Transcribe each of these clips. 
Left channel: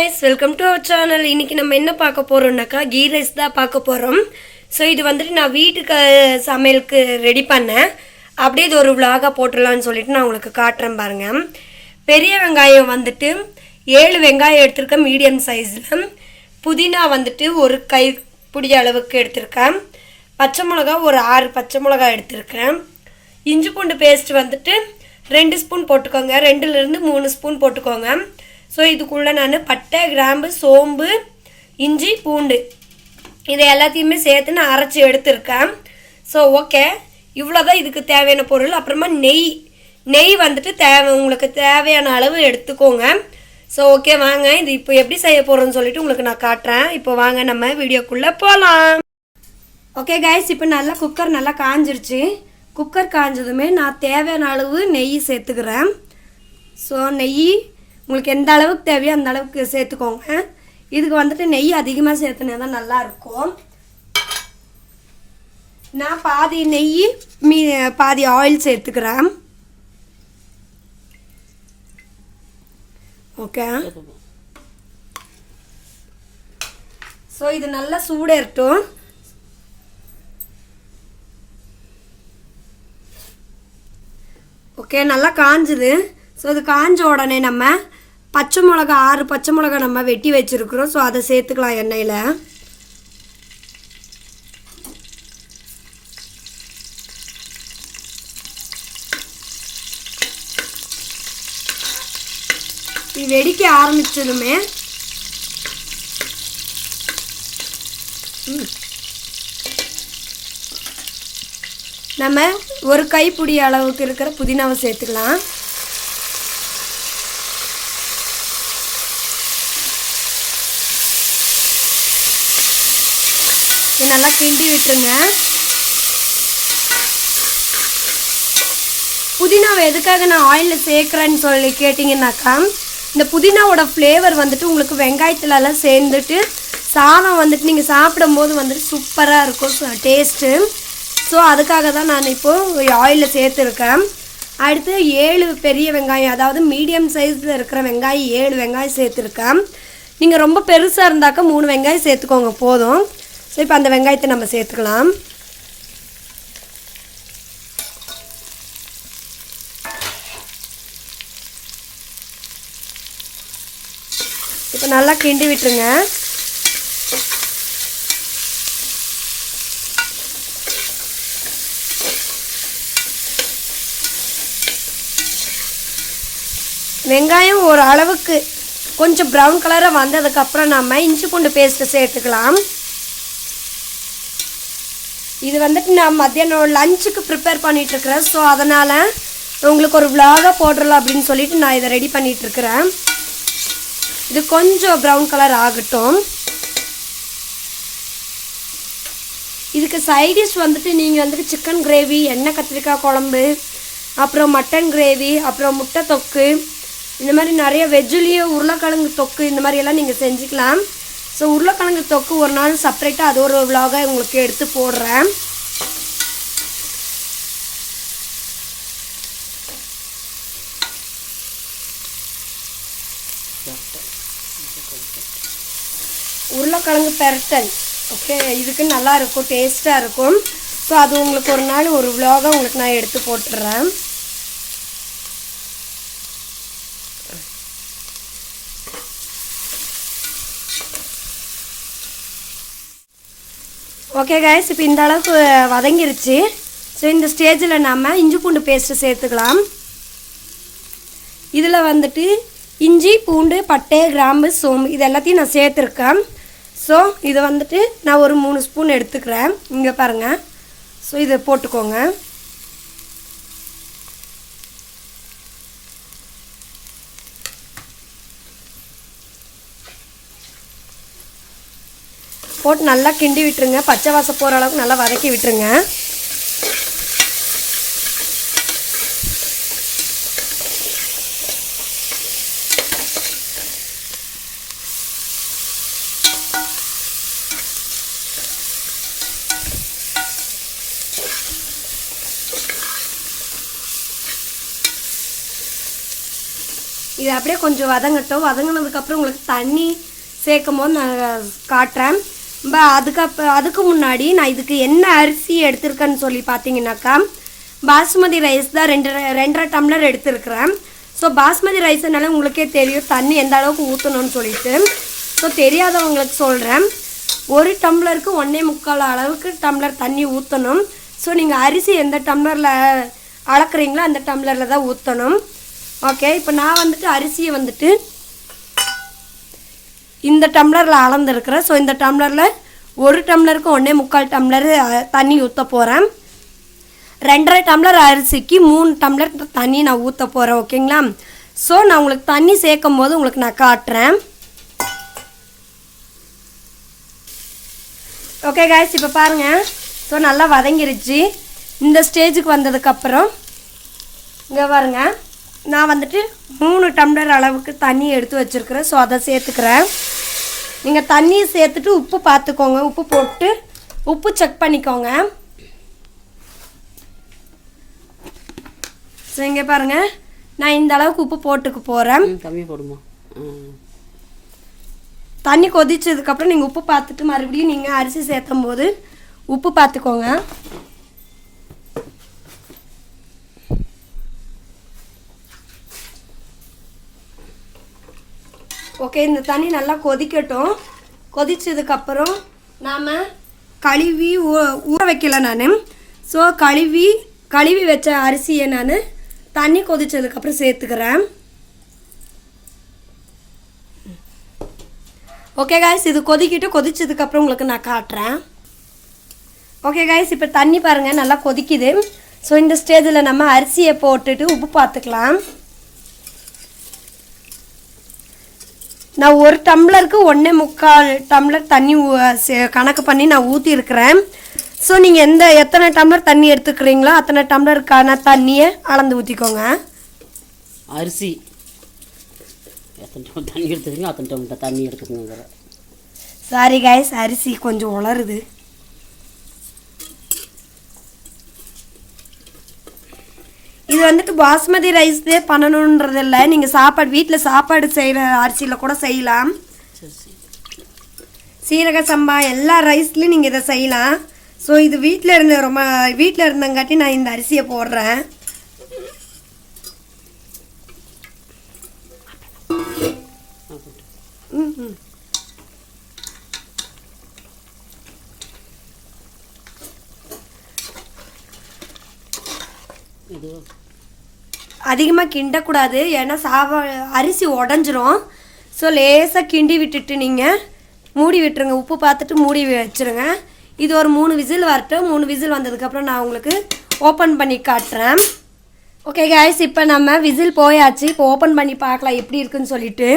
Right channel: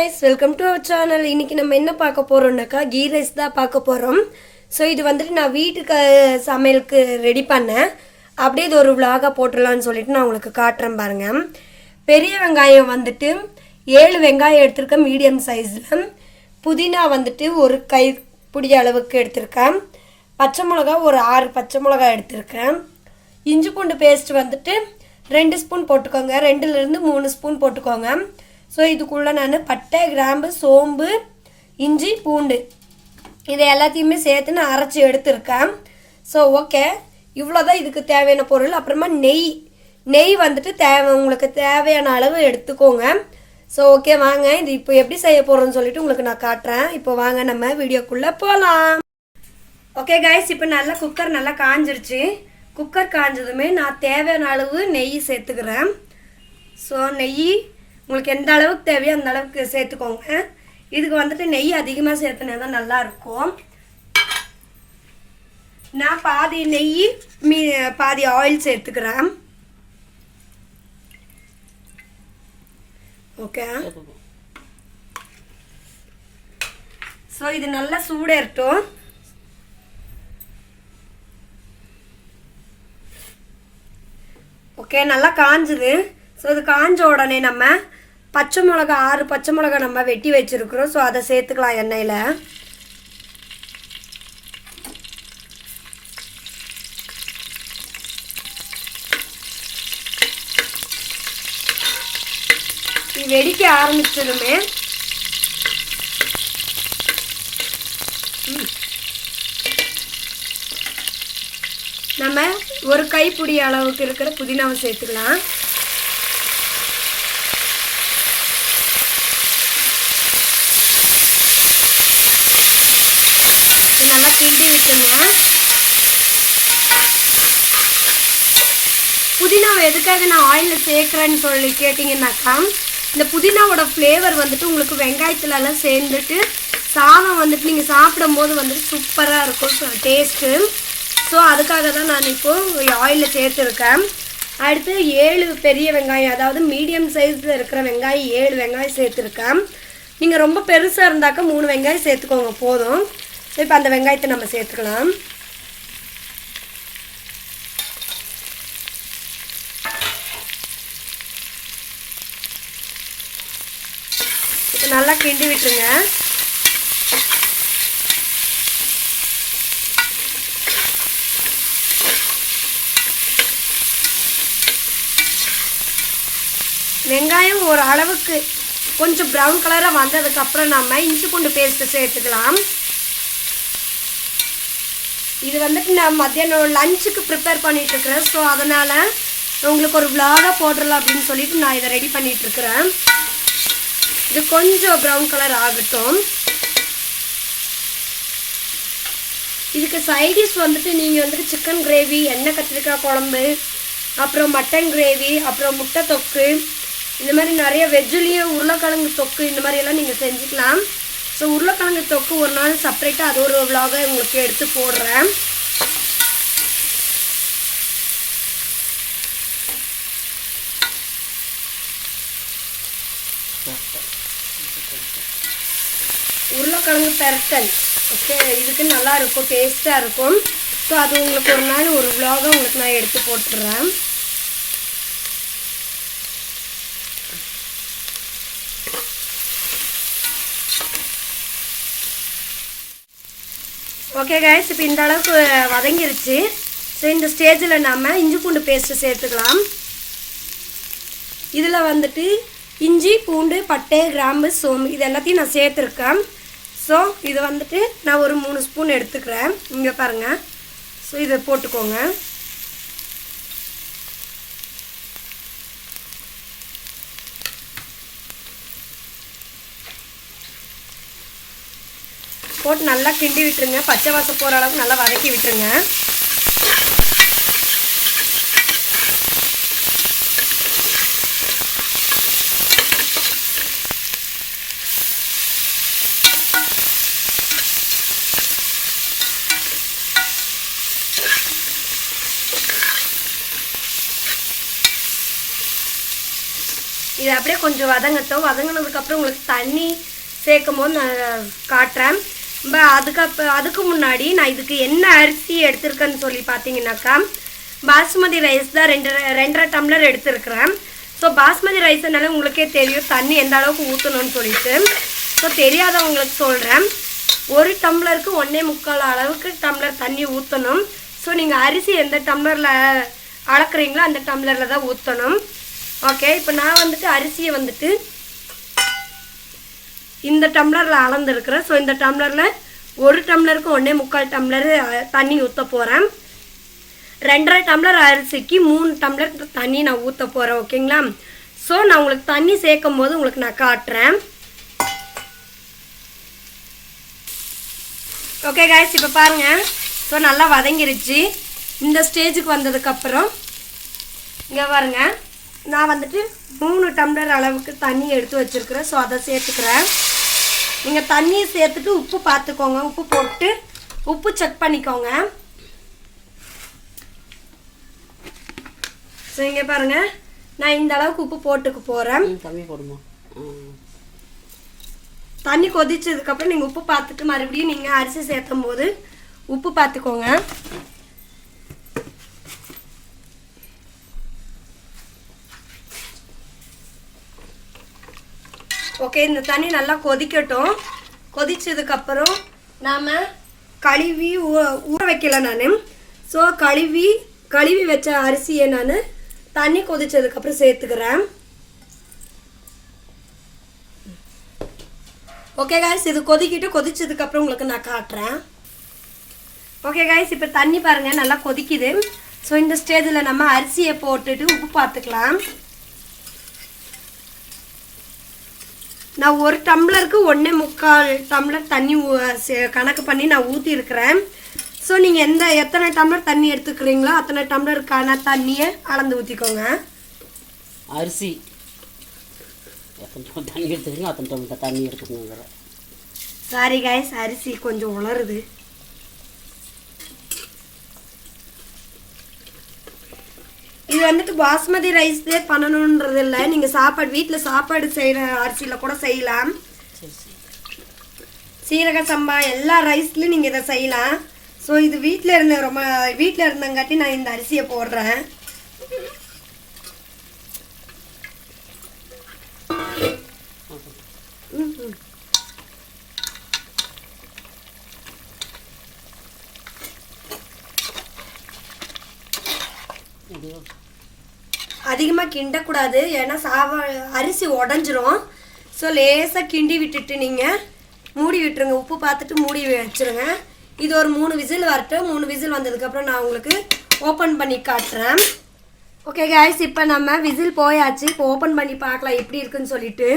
guys, welcome to our channel. இன்னைக்கு நம்ம என்ன பார்க்க போறோம்னாக்கா கீ ரைஸ் தான் பார்க்க போறோம். சோ இது வந்துட்டு நான் வீட்டுக்கு சமையலுக்கு ரெடி பண்ணேன். அப்படியே இது ஒரு vlog-ஆ போட்டுறலாம்னு சொல்லிட்டு நான் உங்களுக்கு காட்றேன் பாருங்க. பெரிய வெங்காயம் வந்துட்டு 7 வெங்காயம் எடுத்துர்க்கேன் மீடியம் சைஸ்ல. புதினா வந்துட்டு ஒரு கைப்பிடி அளவுக்கு எடுத்துர்க்கேன். பச்சை மிளகாய் ஒரு 6 பச்சை மிளகாய் எடுத்துர்க்கேன். இஞ்சி பூண்டு பேஸ்ட் வந்துட்டு 2 ஸ்பூன் போட்டுக்கோங்க. 2 ல இருந்து 3 ஸ்பூன் போட்டுக்கோங்க. ஸோ இதுக்குள்ளே நான் பட்டை கிராம்பு சோம்பு இஞ்சி பூண்டு இதை எல்லாத்தையுமே சேர்த்து நான் அரைச்சி எடுத்துருக்கேன். ஸோ ஓகே, இவ்வளோதான் இதுக்கு தேவையான பொருள். அப்புறமா நெய் வந்துட்டு உங்களுக்கு தேவையான அளவு எடுத்துக்கோங்க. ஸோ ஓகே, வாங்க இது இப்போ எப்படி செய்ய போகிறோன்னு சொல்லிட்டு உங்களுக்கு நான் காட்டுறேன். இப்போ வாங்க நம்ம வீடியோக்குள்ளே போகலாம். ஓகே கைஸ், இப்போ நல்லா குக்கர் நல்லா காஞ்சிருச்சு. குக்கர் காஞ்சதுமே நான் தேவையான அளவு நெய் சேர்த்துக்கிறேன். ஸோ நெய் உங்களுக்கு எந்த அளவுக்கு தேவையோ அந்த அளவுக்கு சேர்த்துக்கோங்க. இதுக்கு வந்துட்டு நெய் அதிகமாக சேர்த்துனா தான் நல்லா இருக்கும். நான் பாதி நெய் பாதி ஆயில் சேர்த்துக்கிறேன். ஓகே, ஸோ இது நல்லா சூடேறட்டும். ஓகே, நல்லா காஞ்சுது. ஸோ இது காஞ்ச உடனே நம்ம பச்சை மிளகா 6 பச்சை மிளகா நம்ம வெட்டி வச்சுருக்குறோம். ஸோ அதை சேர்த்துக்கலாம் எண்ணெயில். இது வெடிக்க ஆரம்பிச்சதுமே நம்ம ஒரு கைப்பிடி அளவுக்கு இருக்கிற புதினாவை சேர்த்துக்கலாம். நல்லா கிண்டி விட்டுருங்க. புதினாவை எதுக்காக நான் ஆயிலில் சேர்க்குறேன்னு சொல்லி கேட்டிங்கன்னாக்கா, இந்த புதினாவோட ஃப்ளேவர் வந்துட்டு உங்களுக்கு வெங்காயத்துலலாம் சேர்ந்துட்டு சாதம் வந்துட்டு நீங்கள் சாப்பிடும் போது வந்துட்டு சூப்பராக இருக்கும் டேஸ்ட்டு. ஸோ அதுக்காக தான் நான் இப்போது ஆயிலில் சேர்த்துருக்கேன். அடுத்து 7 பெரிய வெங்காயம், அதாவது மீடியம் சைஸில் இருக்கிற வெங்காயம் 7 வெங்காயம் சேர்த்துருக்கேன். நீங்கள் ரொம்ப பெருசாக இருந்தாக்கா 3 வெங்காயம் சேர்த்துக்கோங்க போதும். ஸோ இப்போ அந்த வெங்காயத்தை நம்ம சேர்த்துக்கலாம். இப்போ நல்லா கிண்டி விட்டுருங்க. வெங்காயம் ஒரு அளவுக்கு கொஞ்சம் ப்ரௌன் கலராக வந்ததுக்கப்புறம் நம்ம இஞ்சி பூண்டு பேஸ்ட்டு சேர்த்துக்கலாம். இது வந்துட்டு நான் மத்தியானம் லஞ்சுக்கு ப்ரிப்பேர் பண்ணிகிட்ருக்கிறேன். ஸோ அதனால் உங்களுக்கு ஒரு vlog-ஆ போடுறலாம் அப்படின்னு சொல்லிட்டு நான் இதை ரெடி பண்ணிகிட்ருக்கிறேன். இது கொஞ்சம் ப்ரௌன் கலர் ஆகட்டும். இதுக்கு சைடிஷ் வந்துட்டு நீங்கள் வந்துட்டு சிக்கன் கிரேவி, எண்ணெய் கத்திரிக்காய் குழம்பு, அப்புறம் மட்டன் கிரேவி, அப்புறம் முட்டை தொக்கு, இந்த மாதிரி நிறைய வெஜ்ஜுலேயே உருளைக்கிழங்கு தொக்கு இந்த மாதிரியெல்லாம் நீங்கள் செஞ்சுக்கலாம். ஸோ உருளைக்கிழங்கு தொக்கு ஒரு நாள் செப்பரேட்டாக அது ஒரு vlog-ஆ உங்களுக்கு எடுத்து போடுறேன். உருளைக்கிழங்கு பெரட்டல் ஓகே, இதுக்கு நல்லா இருக்கும், டேஸ்ட்டாக இருக்கும். ஸோ அது உங்களுக்கு ஒரு நாள் ஒரு vlog-ஆ உங்களுக்கு நான் எடுத்து போட்டுடுறேன். ஓகே கைஸ், இப்போ இந்த அளவுக்கு வதங்கிருச்சு. ஸோ இந்த ஸ்டேஜில் நம்ம இஞ்சி பூண்டு பேஸ்ட்டு சேர்த்துக்கலாம். இதில் வந்துட்டு இஞ்சி பூண்டு பட்டை கிராம்பு சோம்பு இது எல்லாத்தையும் நான் சேர்த்துருக்கேன். ஸோ இதை வந்துட்டு நான் ஒரு 3 ஸ்பூன் எடுத்துக்கிறேன். இங்கே பாருங்கள். ஸோ இதை போட்டுக்கோங்க. போட்டு நல்லா கிண்டி விட்டுருங்க. பச்சை வாசம் போகிற அளவுக்கு நல்லா வதக்கி விட்டுருங்க. இது அப்படியே கொஞ்சம் வதங்கட்டும். வதங்கினதுக்கப்புறம் உங்களுக்கு தண்ணி சேர்க்கும் போது நான் காட்டுறேன். அதுக்கு முன்னாடி நான் இதுக்கு என்ன அரிசி எடுத்திருக்கேன்னு சொல்லி பார்த்தீங்கன்னாக்கா பாஸ்மதி ரைஸ் தான் 2.5 டம்ளர் எடுத்துருக்கிறேன். ஸோ பாஸ்மதி ரைஸ்னால உங்களுக்கே தெரியும் தண்ணி எந்த அளவுக்கு ஊற்றணும்னு சொல்லிட்டு. ஸோ தெரியாதவங்களுக்கு சொல்கிறேன், 1 டம்ளருக்கு 1.25 அளவுக்கு டம்ளர் தண்ணி ஊற்றணும். ஸோ நீங்கள் அரிசி எந்த டம்ளரில் அளக்குறீங்களோ அந்த டம்ளரில் தான் ஊற்றணும். ஓகே, இப்போ நான் வந்துட்டு அரிசியை வந்துட்டு இந்த டம்ளரில் அளந்துருக்கிறேன். ஸோ இந்த டம்ளரில் 1 டம்ளருக்கு 1.25 டம்ளர் தண்ணி ஊற்ற போகிறேன். 2.5 டம்ளர் அரிசிக்கு 3 டம்ளர் தண்ணி நான் ஊற்ற போகிறேன். ஓகேங்களா? ஸோ நான் உங்களுக்கு தண்ணி சேர்க்கும் போது உங்களுக்கு நான் காட்டுறேன். ஓகே காய்ஸ், இப்போ பாருங்கள். ஸோ நல்லா வதங்கிருச்சு. இந்த ஸ்டேஜுக்கு வந்ததுக்கப்புறம் இங்கே பாருங்கள், நான் வந்துட்டு 3 டம்ளர் அளவுக்கு தண்ணி எடுத்து வச்சுருக்கிறேன். ஸோ அதை சேர்த்துக்கிறேன். நீங்கள் தண்ணியை சேர்த்துட்டு உப்பு பார்த்துக்கோங்க. உப்பு போட்டு உப்பு செக் பண்ணிக்கோங்க. ஸோ இங்கே பாருங்கள், நான் இந்த அளவுக்கு உப்பு போட்டுக்க போகிறேன். கம்மி போடுமா? தண்ணி கொதிச்சதுக்கப்புறம் நீங்கள் உப்பு பார்த்துட்டு மறுபடியும் நீங்கள் அரிசி சேர்த்தும் போது உப்பு பார்த்துக்கோங்க. ஓகே, இந்த தண்ணி நல்லா கொதிக்கட்டும். கொதிச்சதுக்கப்புறம் நாம் கழுவி ஊற வைக்கல நான். ஸோ கழுவி வச்ச அரிசியை நான் தண்ணி கொதிச்சதுக்கப்புறம் சேர்த்துக்கிறேன். ஓகே காய்ஸ், இது கொதிச்சதுக்கப்புறம் உங்களுக்கு நான் காட்டுறேன். ஓகே காய்ஸ், இப்போ தண்ணி பாருங்கள் நல்லா கொதிக்குது. ஸோ இந்த ஸ்டேஜில் நம்ம அரிசியை போட்டுட்டு உப்பு பார்த்துக்கலாம். நான் 1 டம்ளருக்கு 1.25 டம்ளர் தண்ணி கணக்கு பண்ணி நான் ஊற்றிருக்கிறேன். ஸோ நீங்கள் எத்தனை டம்ளர் தண்ணி எடுத்துக்கிறீங்களோ அத்தனை டம்ளருக்கான தண்ணியை அளந்து ஊற்றிக்கோங்க. அரிசி எத்தனை டம்ளர் தண்ணி எடுத்துக்கிறீங்களோ அத்தனை டம்ளர் தண்ணி எடுத்துக்கோங்க. சாரி காய்ஸ், அரிசி கொஞ்சம் உளருது. இது வந்துட்டு பாஸ்மதி ரைஸ்லேயே பண்ணணுன்றது இல்லை. நீங்கள் வீட்டில் சாப்பாடு செய்கிற அரிசியில் கூட செய்யலாம். சீரக சம்பா எல்லா ரைஸ்லையும் நீங்கள் இதை செய்யலாம். ஸோ இது வீட்டில் இருந்தங்காட்டி நான் இந்த அரிசியை போடுறேன். அதிகமாக கிண்டக்கூடாது, ஏன்னா அரிசி உடஞ்சிரும். ஸோ லேசாக கிண்டி விட்டுட்டு நீங்கள் மூடி விட்டுருங்க. உப்பு பார்த்துட்டு மூடி வச்சுருங்க. இது ஒரு 3 விசில் வரட்டும். 3 விசில் வந்ததுக்கப்புறம் நான் உங்களுக்கு ஓப்பன் பண்ணி காட்டுறேன். ஓகே காய்ஸ், இப்போ நம்ம விசில் போயாச்சு. இப்போ ஓப்பன் பண்ணி பார்க்கலாம் எப்படி இருக்குன்னு சொல்லிட்டு.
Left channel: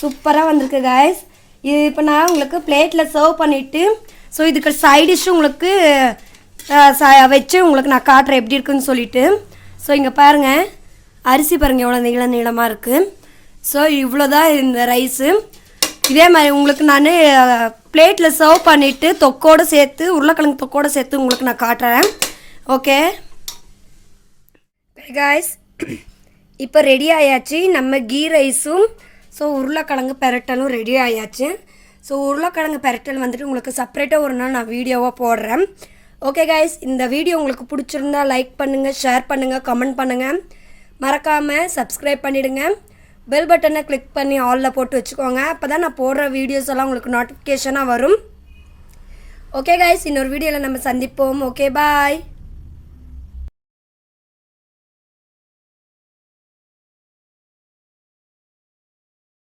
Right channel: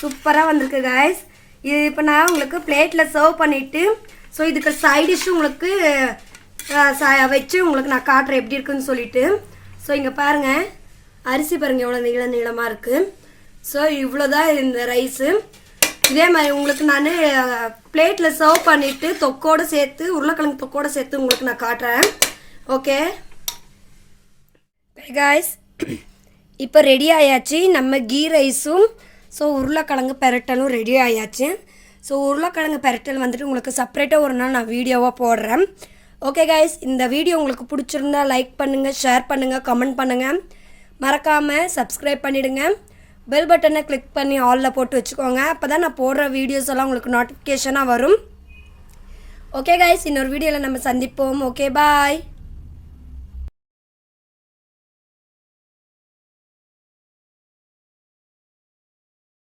சூப்பராக வந்திருக்கு காய்ஸ். இது இப்போ நான் உங்களுக்கு பிளேட்டில் சர்வ் பண்ணிவிட்டு, ஸோ இதுக்கு சைட் டிஷ்ஷும் உங்களுக்கு வச்சு உங்களுக்கு நான் காட்டுறேன் எப்படி இருக்குன்னு சொல்லிட்டு. ஸோ இங்கே பாருங்கள், அரிசி பாருங்கள் எவ்வளோ நீளமாக இருக்குது. ஸோ இவ்வளோதான் இந்த ரைஸு. இதே மாதிரி உங்களுக்கு நான் பிளேட்டில் சர்வ் பண்ணிவிட்டு தொக்கோடு சேர்த்து உருளைக்கிழங்கு தொக்கோடு சேர்த்து உங்களுக்கு நான் காட்டுறேன். ஓகே காய்ஸ், இப்போ ரெடி ஆயாச்சு நம்ம கீ ரைஸும். ஸோ உருளைக்கிழங்கு பெரட்டலும் ரெடி ஆயாச்சு. ஸோ உருளைக்கிழங்கு பெரட்டல் வந்துட்டு உங்களுக்கு செப்பரேட்டாக ஒரு நாள் நான் வீடியோவாக போடுறேன். ஓகே காய்ஸ், இந்த வீடியோ உங்களுக்கு பிடிச்சிருந்தா லைக் பண்ணுங்கள், ஷேர் பண்ணுங்கள், கமெண்ட் பண்ணுங்கள். மறக்காமல் சப்ஸ்கிரைப் பண்ணிவிடுங்க. பெல் பட்டனை கிளிக் பண்ணி ஆலில் போட்டு வச்சுக்கோங்க. அப்போ தான் நான் போடுற வீடியோஸ் எல்லாம் உங்களுக்கு நோட்டிஃபிகேஷனாக வரும். ஓகே காய்ஸ், இன்னொரு வீடியோவில் நம்ம சந்திப்போம். Okay bye.